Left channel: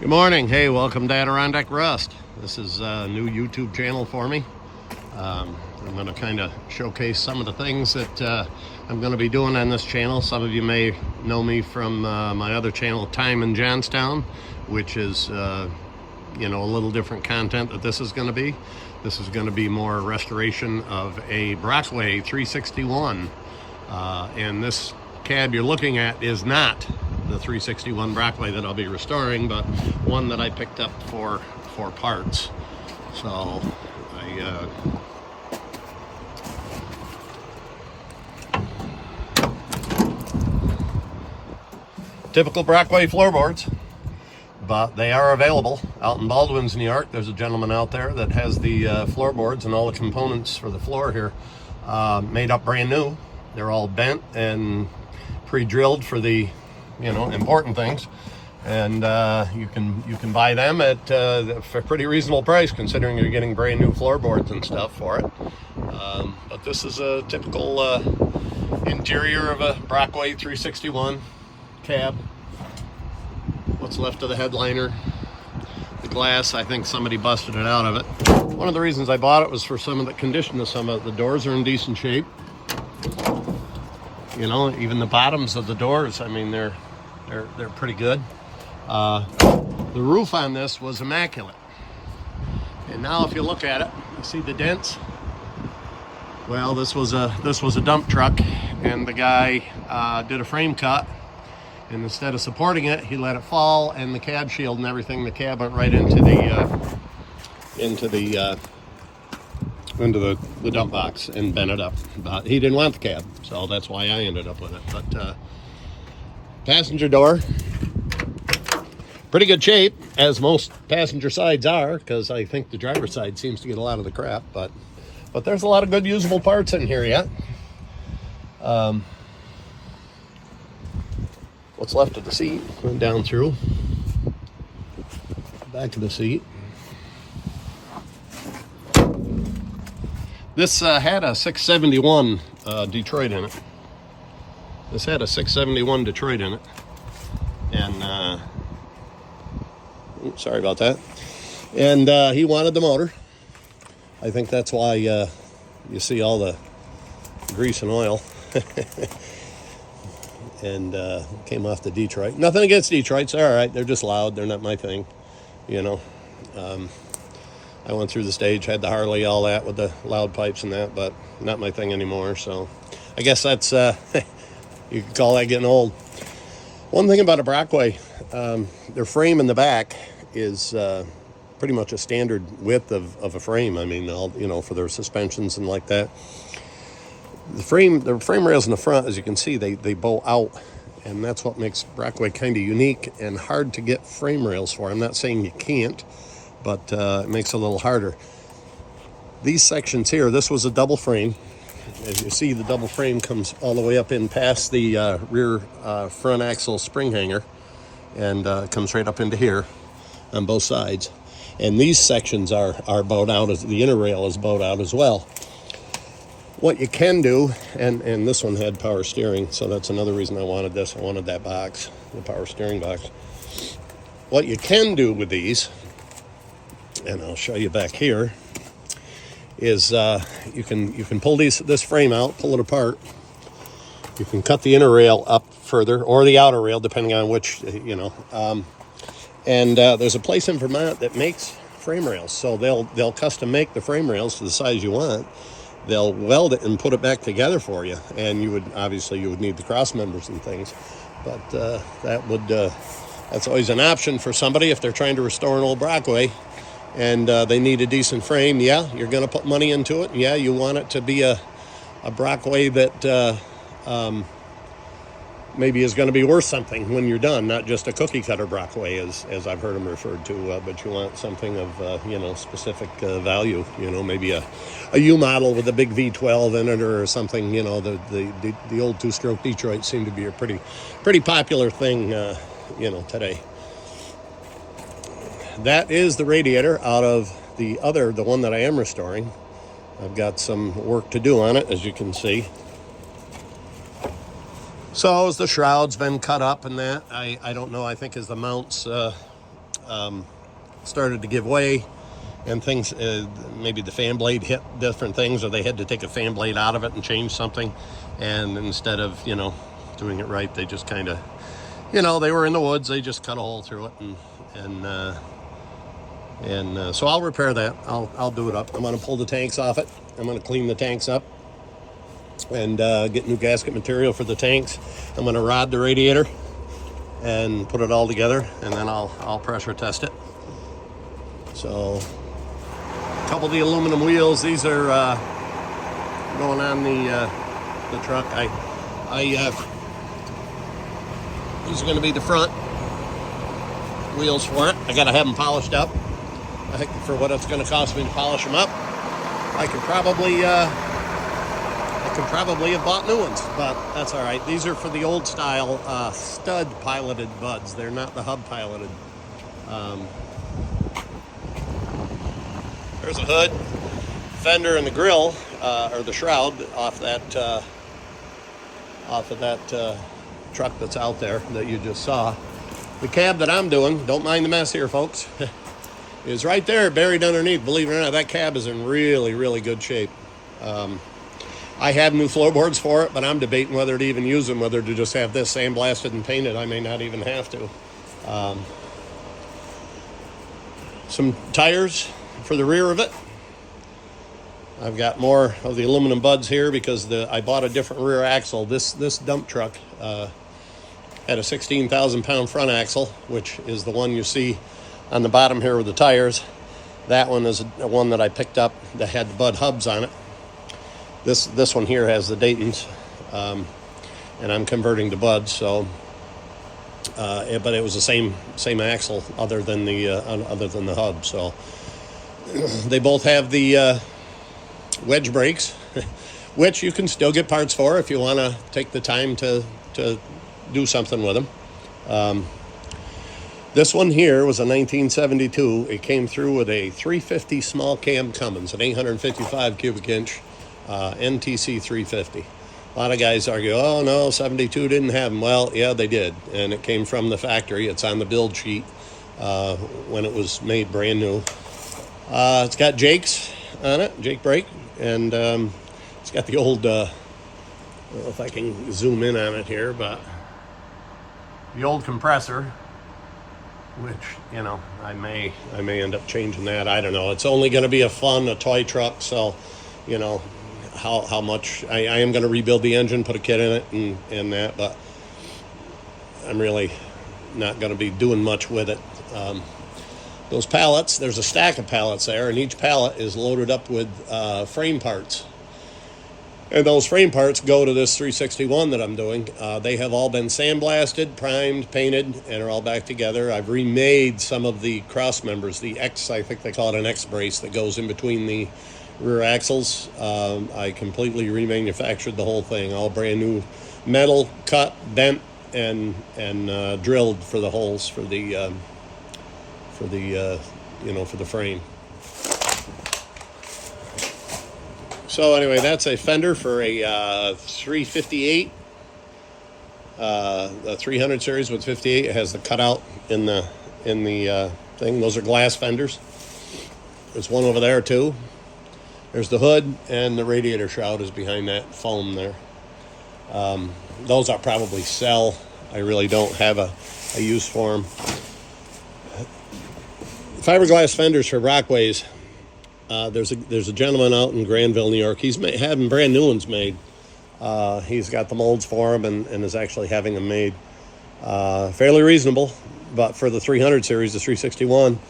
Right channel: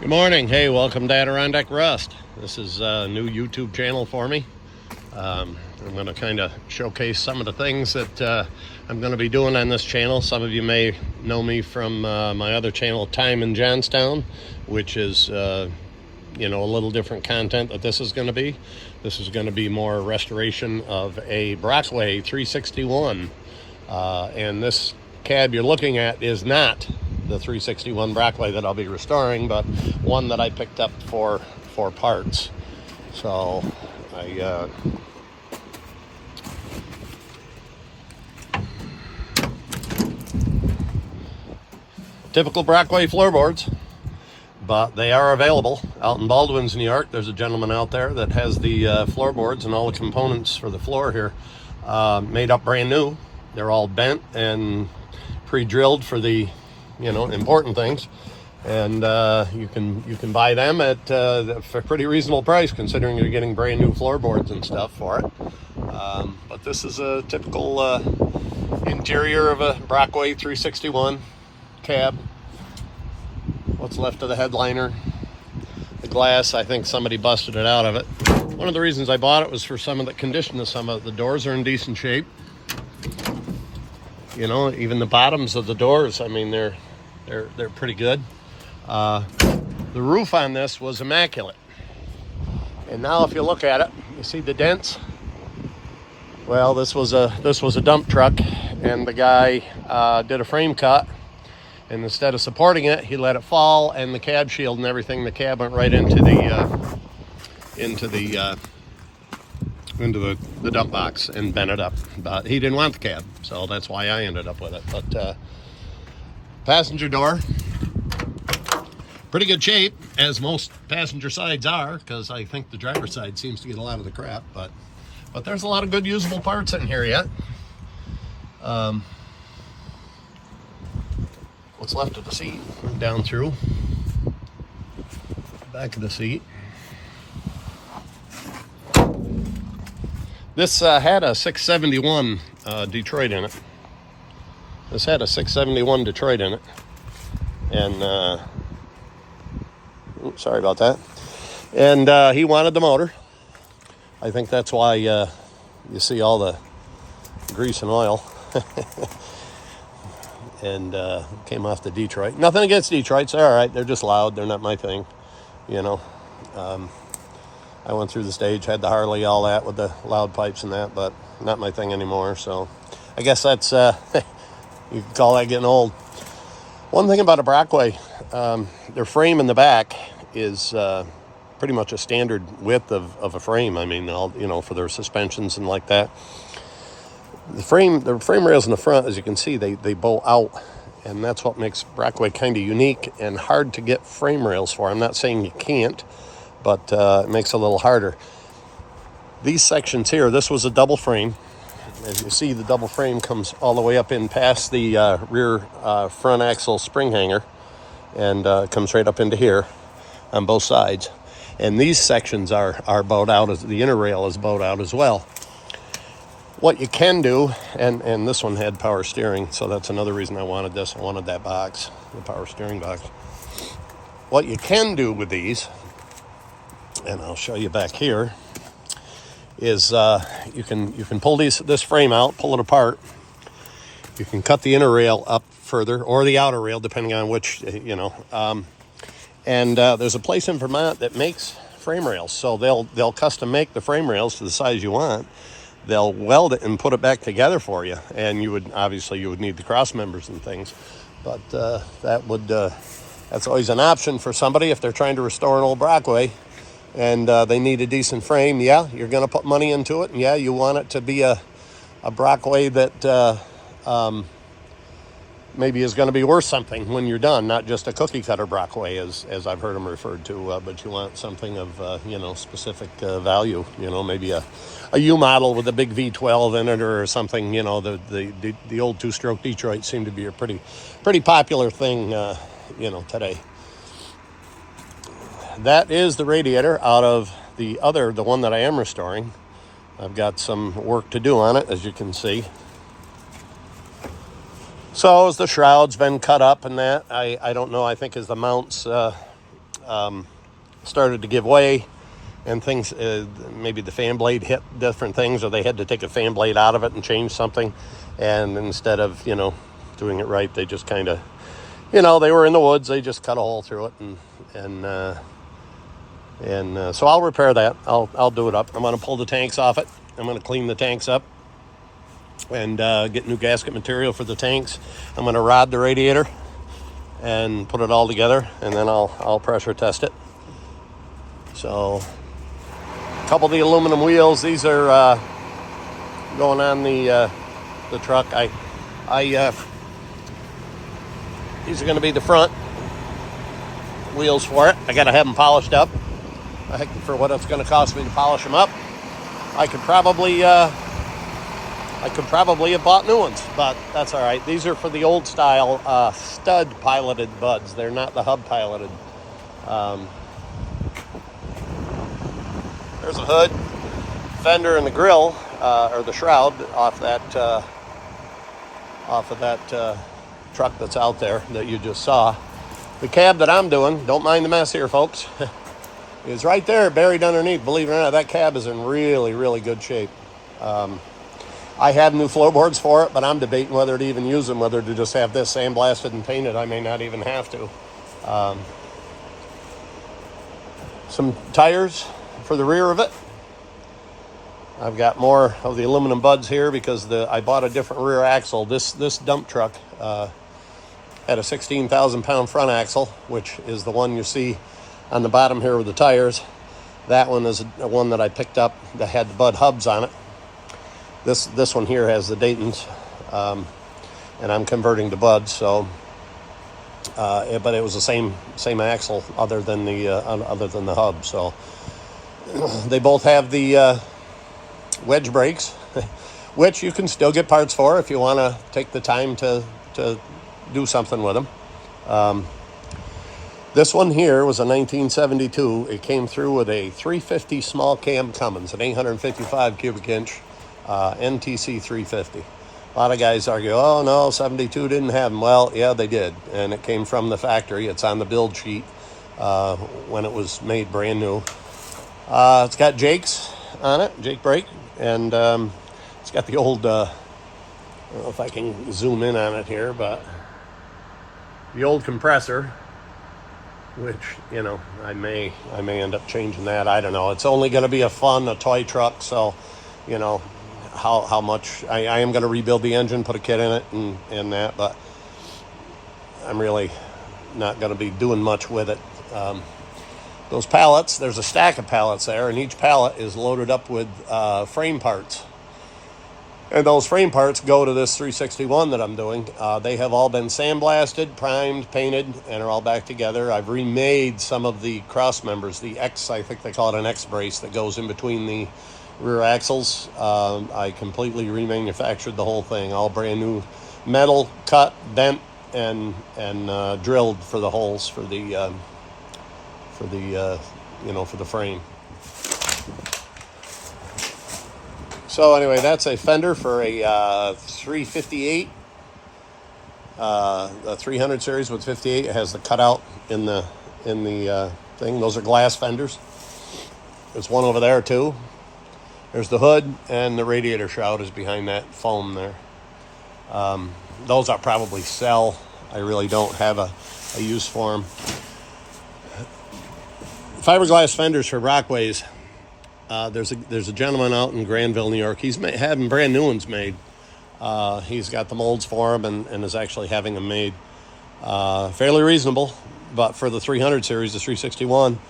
Good morning. Hey, welcome to Adirondack Rust. This is a new YouTube channel for me. I'm going to kind of showcase some of the things that I'm going to be doing on this channel. Some of you may know me from my other channel, Time in Johnstown, which is a little different content that this is going to be. This is going to be more restoration of a Brockway 361, and this cab you're looking at is not the 361 Brockway that I'll be restoring, but one that I picked up for parts. So I typical Brockway floorboards, but they are available out in Baldwin's, New York. There's a gentleman out there that has the floorboards and all the components for the floor here made up brand new. They're all bent and pre-drilled for the important things, and you can buy them at for a pretty reasonable price, considering you're getting brand new floorboards and stuff for it. But this is a typical interior of a Brockway 361 cab. What's left of the headliner, the glass, I think somebody busted it out of it. One of the reasons I bought it was for some of the condition of some of the doors are in decent shape. Even the bottoms of the doors, I mean, they're pretty good. The roof on this was immaculate, and now if you look at it, you see the dents. Well, this was a dump truck, and the guy did a frame cut, and instead of supporting it, he let it fall, and the cab shield and everything, the cab went right into the dump box and bent it up. But he didn't want the cab, so that's why I ended up with it. But passenger door, pretty good shape, as most passenger sides are, because I think the driver's side seems to get a lot of the crap, but there's a lot of good usable parts in here yet. What's left of the seat, went down through back of the seat. This had a 671 Detroit in it. This had a 671 Detroit in it, and oops, sorry about that. And he wanted the motor. I think that's why you see all the grease and oil. And came off the Detroit. Nothing against Detroits, they're all right. They're just loud. They're not my thing, I went through the stage, had the Harley, all that with the loud pipes and that, but not my thing anymore. So I guess that's you could call that getting old. One thing about a Brockway, their frame in the back is pretty much a standard width of a frame. I mean, for their suspensions and like that. The frame rails in the front, as you can see, they bow out, and that's what makes Brockway kind of unique and hard to get frame rails for. I'm not saying you can't, but it makes it a little harder. These sections here, this was a double frame. As you see, the double frame comes all the way up in past the rear front axle spring hanger, and comes right up into here on both sides. And these sections are bowed out, as the inner rail is bowed out as well. What you can do, and this one had power steering, so that's another reason I wanted this. I wanted that box, the power steering box. What you can do with these, and I'll show you back here, is you can pull this frame out, pull it apart. You can cut the inner rail up further, or the outer rail, depending on which, and there's a place in Vermont that makes frame rails, so they'll custom make the frame rails to the size you want. They'll weld it and put it back together for you, and you would need the cross members and things, but that's always an option for somebody if they're trying to restore an old Brockway and they need a decent frame. Yeah, you're going to put money into it. Yeah, you want it to be a Brockway that maybe is going to be worth something when you're done, not just a cookie cutter Brockway as I've heard them referred to, but you want something of specific value, maybe a U model with a big V12 in it or something. The old two-stroke Detroit seem to be a pretty popular thing today. That is the radiator out of the one that I am restoring. I've got some work to do on it, as you can see. So as the shroud's been cut up and that, I don't know, I think as the mounts started to give way, and things, maybe the fan blade hit different things, or they had to take a fan blade out of it and change something. And instead of, doing it right, they just kind of, they were in the woods, they just cut a hole through it, and so I'll repair that. I'll do it up. I'm going to pull the tanks off it. I'm going to clean the tanks up and get new gasket material for the tanks. I'm going to rod the radiator and put it all together, and then I'll pressure test it. So, a couple of the aluminum wheels. These are going on the truck. These are going to be the front wheels for it. I got to have them polished up. I think for what it's going to cost me to polish them up, I could probably have bought new ones, but that's all right. These are for the old style stud piloted buds. They're not the hub piloted. There's a hood, fender, and the grill, or the shroud off of that truck that's out there that you just saw. The cab that I'm doing, don't mind the mess here, folks, is right there buried underneath. Believe it or not, that cab is in really, really good shape. I have new floorboards for it, but I'm debating whether to even use them, whether to just have this sandblasted and painted. I may not even have to. Some tires for the rear of it. I've got more of the aluminum buds here because I bought a different rear axle. This dump truck had a 16,000 pound front axle, which is the one you see on the bottom here with the tires. That one is the one that I picked up that had the Bud hubs on it. This one here has the Dayton's, and I'm converting to Buds. So, but it was the same axle other than the hub. So they both have the wedge brakes, which you can still get parts for if you want to take the time to do something with them. This one here was a 1972. It came through with a 350 small cam Cummins, an 855 cubic inch NTC 350. A lot of guys argue, oh no, 72 didn't have them. Well, yeah, they did, and it came from the factory. It's on the build sheet when it was made brand new. It's got Jake's on it, Jake brake, and it's got the old, I don't know if I can zoom in on it here, but the old compressor, which, I may end up changing that. I don't know. It's only going to be a toy truck, so, how much, I am going to rebuild the engine, put a kit in it and that, but I'm really not going to be doing much with it. Those pallets, there's a stack of pallets there, and each pallet is loaded up with frame parts. And those frame parts go to this 361 that I'm doing. They have all been sandblasted, primed, painted, and are all back together. I've remade some of the cross members, the X, I think they call it an X brace that goes in between the rear axles. I completely remanufactured the whole thing, all brand new metal, cut, bent, and drilled for the holes for the frame. So anyway, that's a fender for a 358, a 300 series with 58. It has the cutout in the thing. Those are glass fenders. There's one over there too. There's the hood, and the radiator shroud is behind that foam there. Those I'll probably sell. I really don't have a use for them. Fiberglass fenders for Brockways. There's a gentleman out in Granville, New York. He's having brand new ones made. He's got the molds for them and is actually having them made. Fairly reasonable, but for the 300 series, the 361,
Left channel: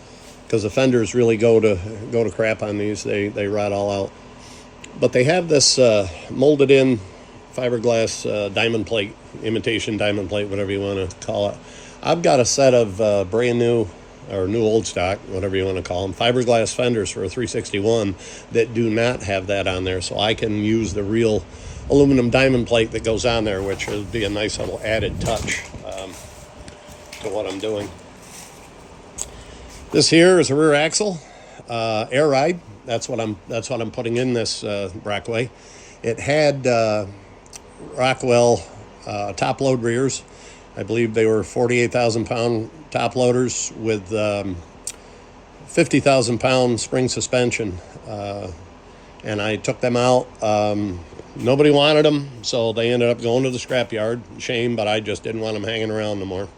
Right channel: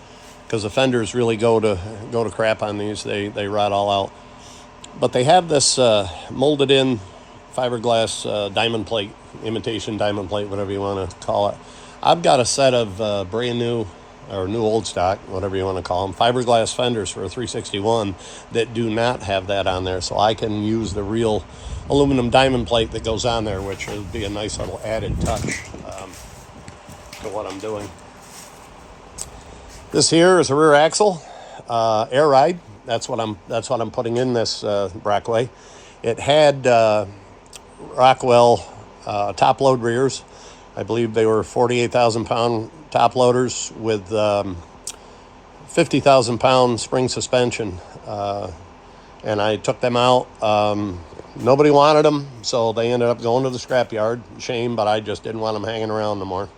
because the fenders really go to crap on these. They rot all out. But they have this molded in fiberglass diamond plate, imitation diamond plate, whatever you want to call it. I've got a set of brand new, or new old stock, whatever you want to call them, fiberglass fenders for a 361 that do not have that on there. So I can use the real aluminum diamond plate that goes on there, which would be a nice little added touch to what I'm doing. This here is a rear axle, air ride. That's what I'm putting in this Brockway. It had Rockwell top load rears. I believe they were 48,000 pound top loaders with 50,000 pound spring suspension. And I took them out. Nobody wanted them, so they ended up going to the scrapyard. Shame, but I just didn't want them hanging around no more.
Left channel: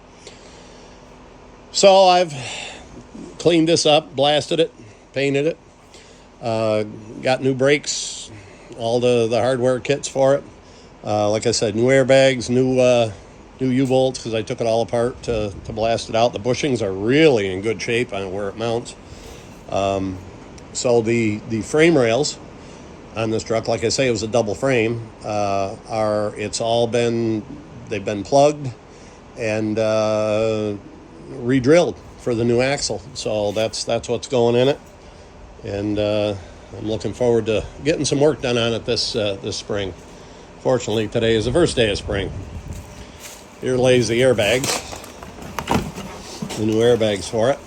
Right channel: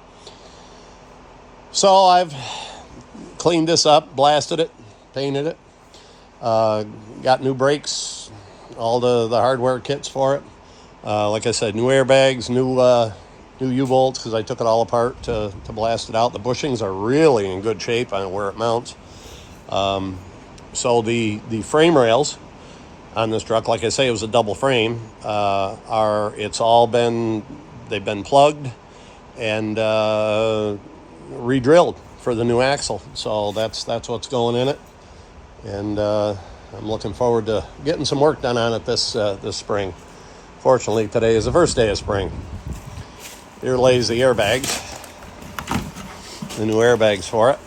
So I've cleaned this up, blasted it, painted it, got new brakes, all the hardware kits for it. Like I said, new airbags, new U-bolts, because I took it all apart to blast it out. The bushings are really in good shape on where it mounts. So the frame rails on this truck, like I say, it was a double frame, they've been plugged and re-drilled for the new axle. So that's what's going in it. And I'm looking forward to getting some work done on it this spring. Fortunately, today is the first day of spring. Here lays the airbags, the new airbags for it.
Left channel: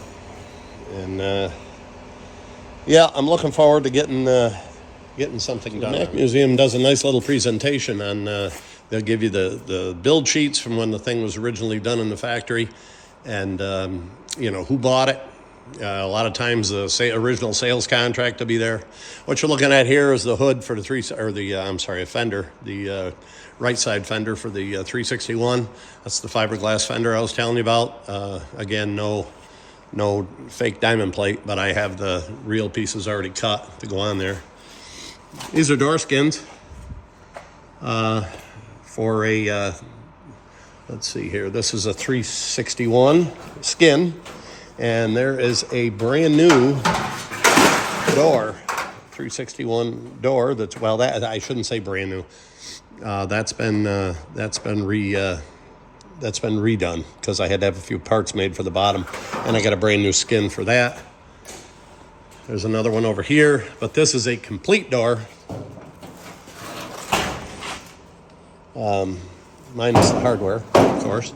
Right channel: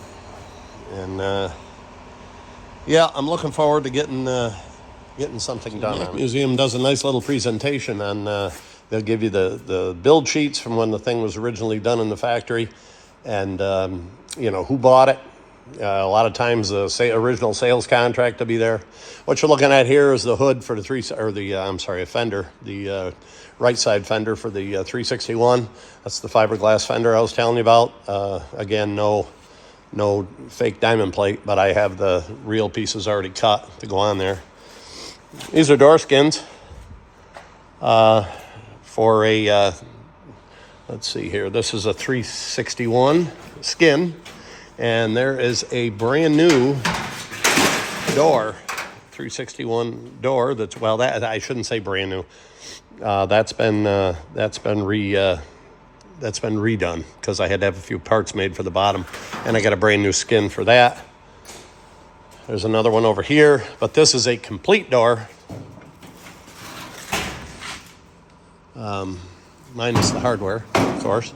And yeah, I'm looking forward to getting something done. The Mack Museum does a nice little presentation on, they'll give you the build sheets from when the thing was originally done in the factory, and who bought it. A lot of times the original sales contract will be there. What you're looking at here is the hood for the fender, the right side fender for the 361. That's the fiberglass fender I was telling you about. Again, no fake diamond plate, but I have the real pieces already cut to go on there. These are door skins for a, let's see here, this is a 361 skin, and there is a brand new door, 361 door that's, well, that I shouldn't say brand new. That's been redone because I had to have a few parts made for the bottom, and I got a brand new skin for that. There's another one over here, but this is a complete door. Minus the hardware, of course.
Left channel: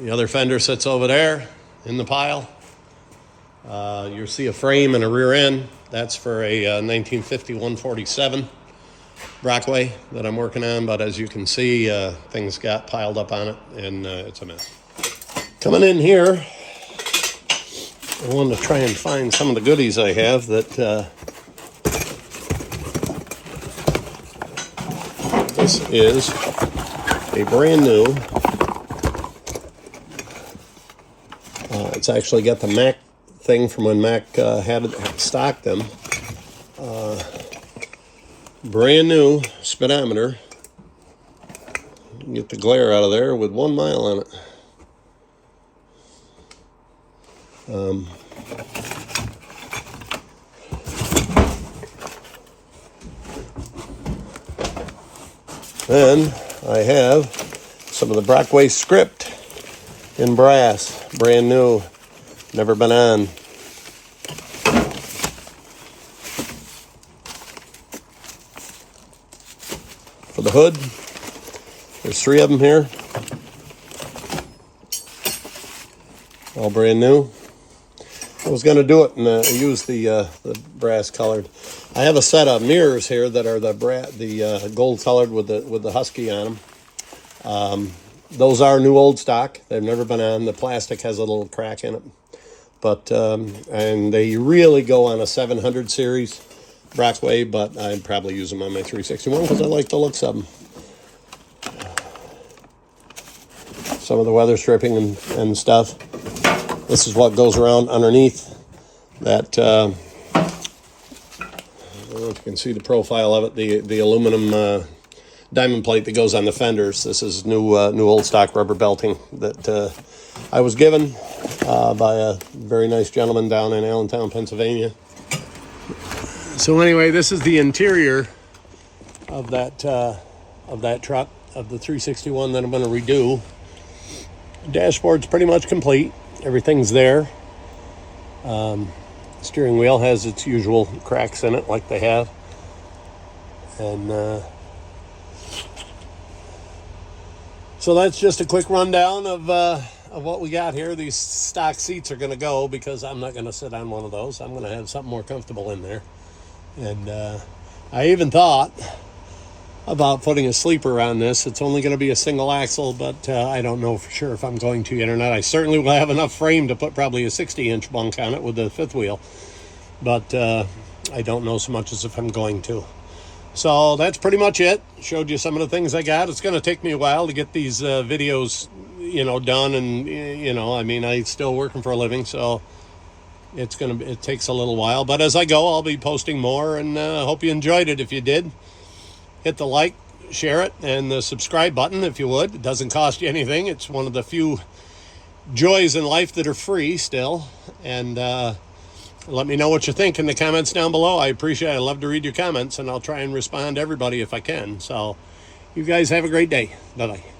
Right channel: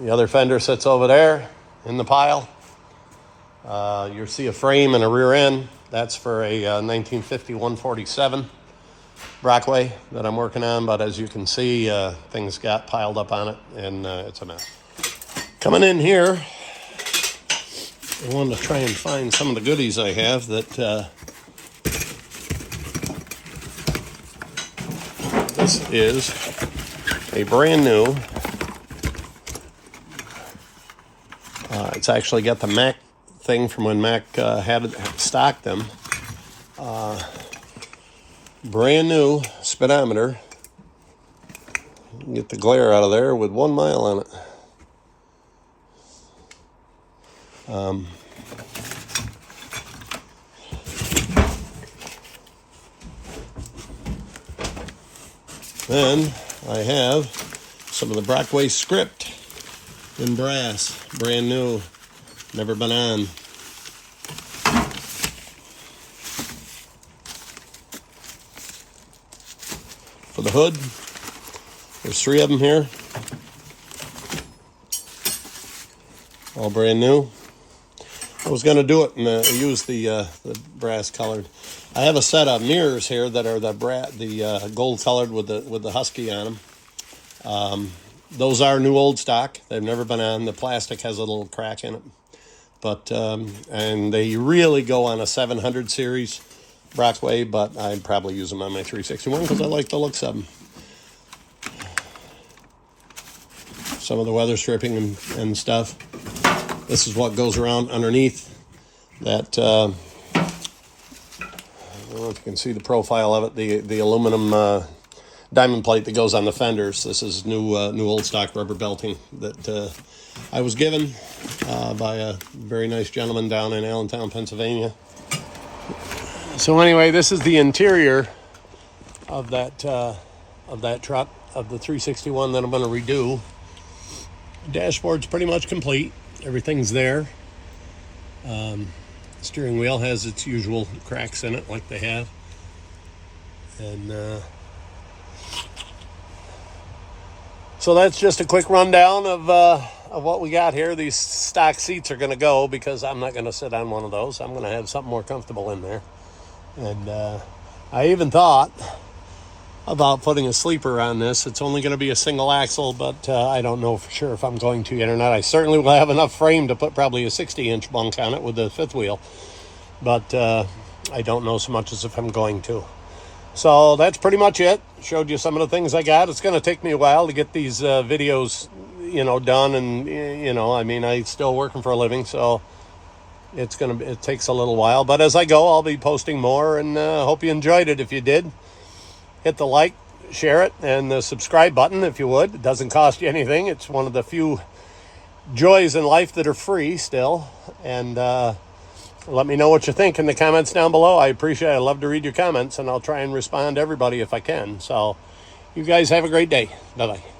The other fender sits over there in the pile. You'll see a frame and a rear end. That's for a 1950 147 Brockway that I'm working on, but as you can see, things got piled up on it, and it's a mess. Coming in here, I wanted to try and find some of the goodies I have that this is a brand new, it's actually got the Mack thing from when Mack had stocked them. Brand new speedometer. Get the glare out of there with 1 mile on it. Then I have some of the Brockway script in brass, brand new, never been on. For the hood, there's 3 of them here, all brand new. I was going to do it and use the brass colored. I have a set of mirrors here that are the gold colored with the Husky on them. Those are new old stock. They've never been on. The plastic has a little crack in it, but and they really go on a 700 series Brockway, but I'd probably use them on my 361 because I like the looks of them. Some of the weather stripping and stuff. This is what goes around underneath that. I don't know if you can see the profile of it. The aluminum diamond plate that goes on the fenders. This is new old stock rubber belting that I was given by a very nice gentleman down in Allentown, Pennsylvania. So anyway, this is the interior of that truck, of the 361 that I'm going to redo. Dashboard's pretty much complete. Everything's there. Steering wheel has its usual cracks in it, like they have. And so that's just a quick rundown of what we got here. These stock seats are going to go because I'm not going to sit on one of those. I'm going to have something more comfortable in there. And I even thought about putting a sleeper on this. It's only going to be a single axle, but I don't know for sure if I'm going to yet or not. I certainly will have enough frame to put probably a 60-inch bunk on it with the fifth wheel, but I don't know so much as if I'm going to. So that's pretty much it. Showed you some of the things I got. It's going to take me a while to get these videos, done, and I'm still working for a living, so it takes a little while. But as I go, I'll be posting more, and hope you enjoyed it. If you did, hit the like, share it, and the subscribe button if you would. It doesn't cost you anything. It's one of the few joys in life that are free still. And let me know what you think in the comments down below. I appreciate it. I love to read your comments, and I'll try and respond to everybody if I can. So you guys have a great day. Bye-bye.